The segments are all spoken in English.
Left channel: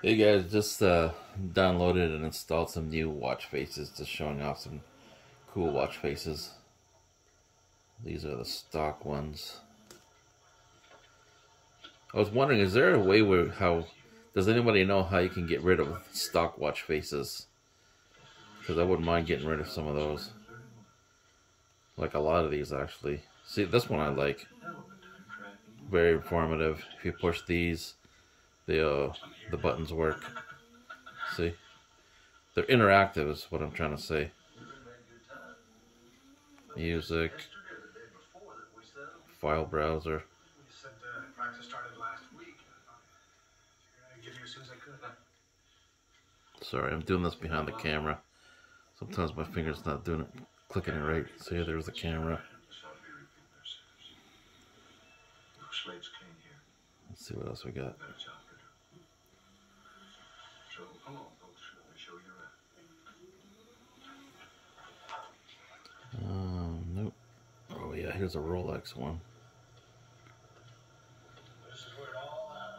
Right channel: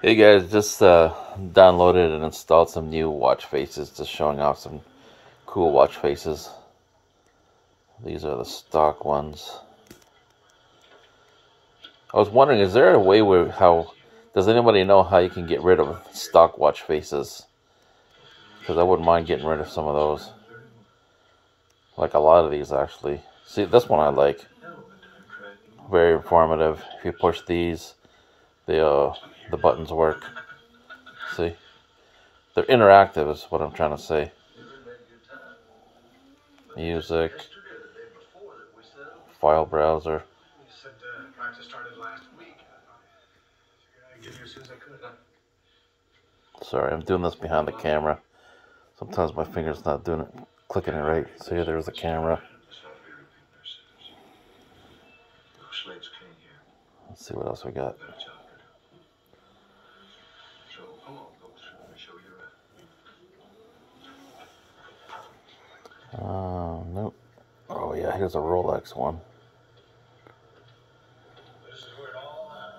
Hey guys, just downloaded and installed some new watch faces, just showing off some cool watch faces. These are the stock ones. I was wondering, is there a way where does anybody know how you can get rid of stock watch faces? Because I wouldn't mind getting rid of some of those. Like a lot of these actually. See, this one I like. Very informative. If you push these, the buttons work. See? They're interactive is what I'm trying to say. Music, file browser. Sorry, I'm doing this behind the camera. Sometimes my finger's not doing it, clicking it right. So here, there's the camera. Let's see what else we got. Nope. Oh yeah, here's a Rolex one.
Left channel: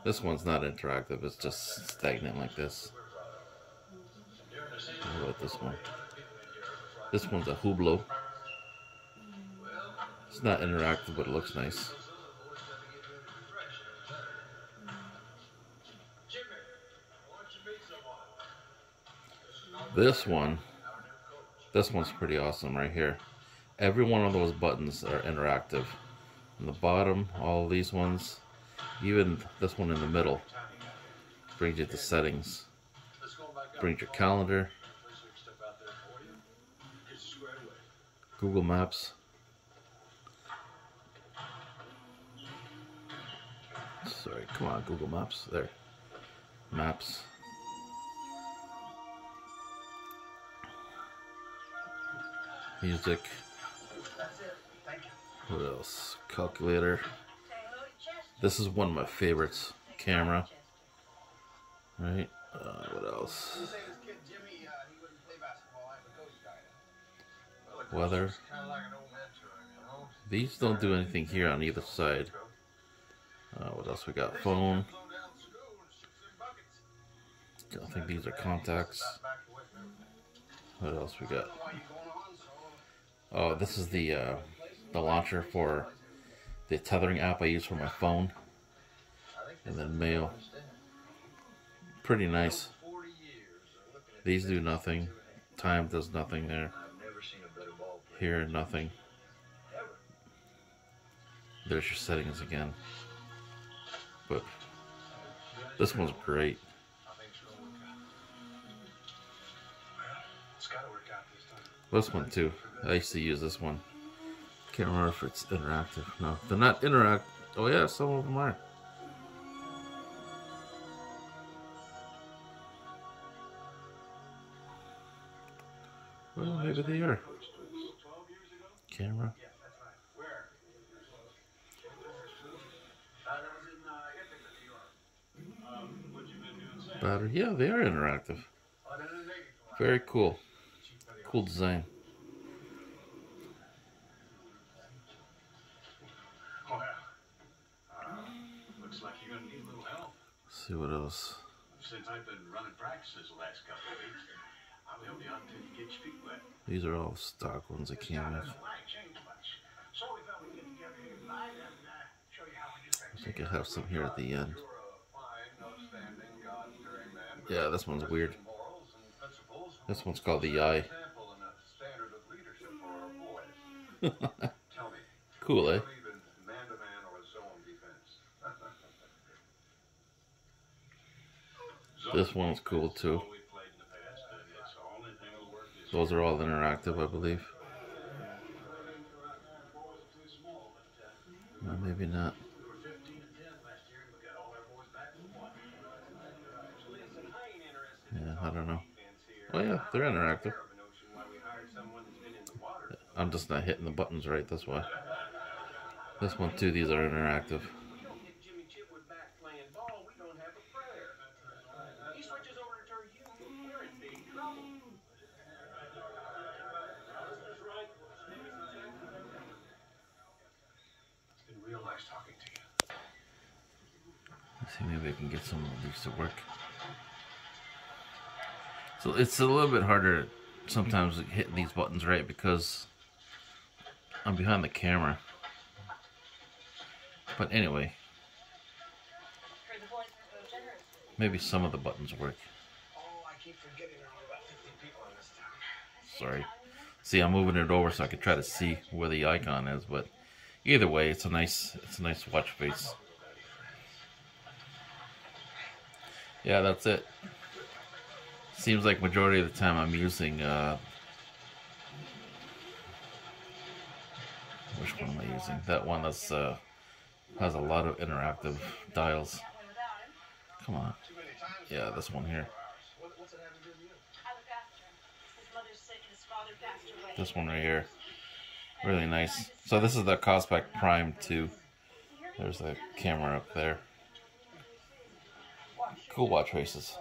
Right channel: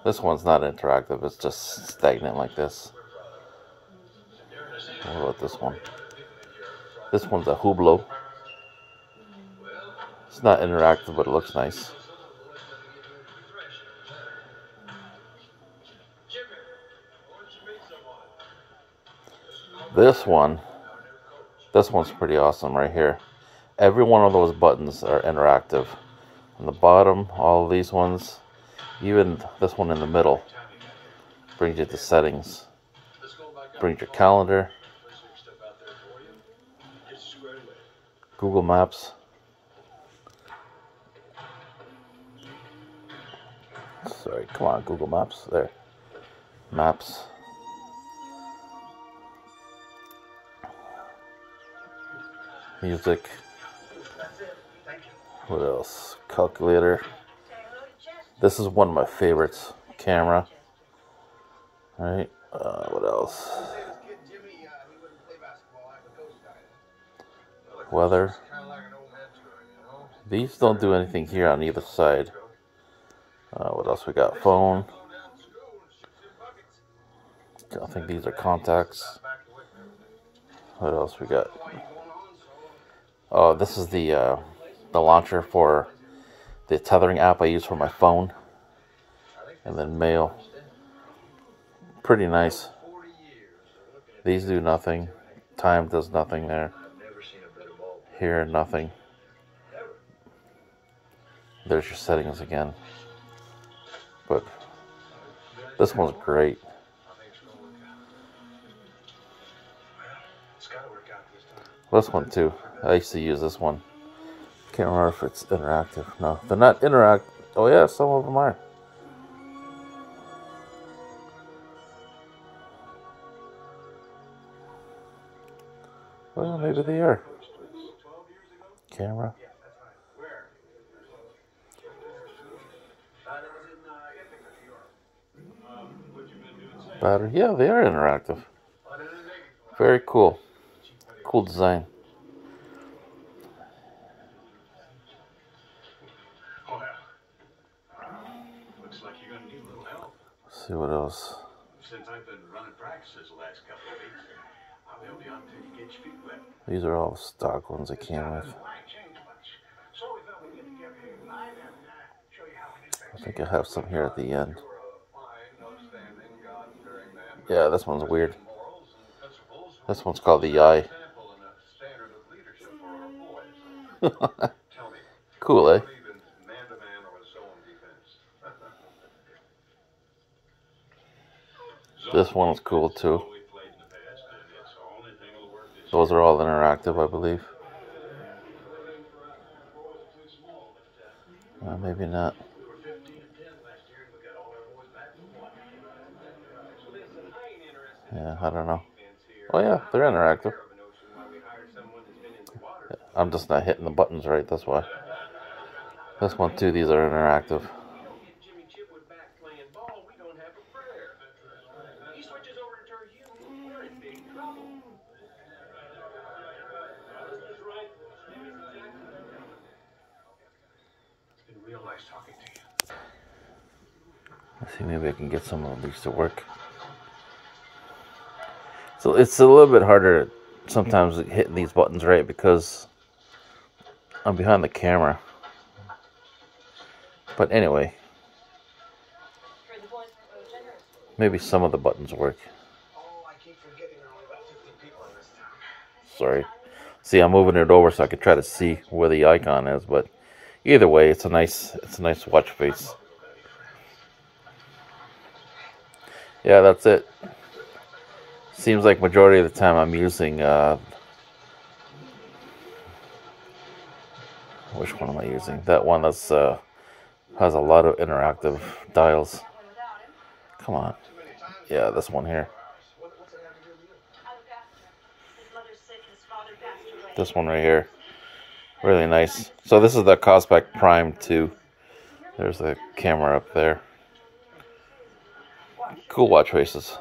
This one's not interactive, it's just stagnant like this. What about this one? This one's a Hublot. It's not interactive, but it looks nice. This one's pretty awesome right here. Every one of those buttons are interactive. On the bottom, all of these ones, even this one in the middle, brings you to settings. Brings your calendar, Google Maps. Sorry, come on, Google Maps. There. Maps. Music. What else? Calculator. This is one of my favorites. Camera. Alright. What else? Weather. These don't do anything here on either side. What else we got? Phone. I think these are contacts. What else we got? Oh, this is the launcher for the tethering app I use for my phone. And then mail. Pretty nice. These do nothing. Time does nothing there. Here, nothing. There's your settings again. But this one's great. This one too. I used to use this one. Can't remember if it's interactive. No, they're not interactive. Oh yeah, some of them are. Well, maybe they are. Camera. Battery. Yeah, they are interactive. Very cool. Cool design. Let's see what else. These are all stock ones I came with. I think I have some here at the end. Yeah, this one's weird. This one's called the Eye. Cool, eh? This one is cool too. Those are all interactive, I believe. Maybe not. Yeah, I don't know. Oh yeah, they're interactive. I'm just not hitting the buttons right, that's why. This one too, these are interactive. Let's see, maybe I can get some of these to work. So it's a little bit harder sometimes hitting these buttons right because I'm behind the camera. But anyway, maybe some of the buttons work. Sorry. See, I'm moving it over so I could try to see where the icon is, but either way, it's a nice watch face. Yeah, that's it. Seems like majority of the time I'm using which one am I using? That one that's has a lot of interactive dials. Come on. Yeah, this one here. This one right here. Really nice. So this is the KOSPET Prime 2. There's the camera up there. Cool watch faces.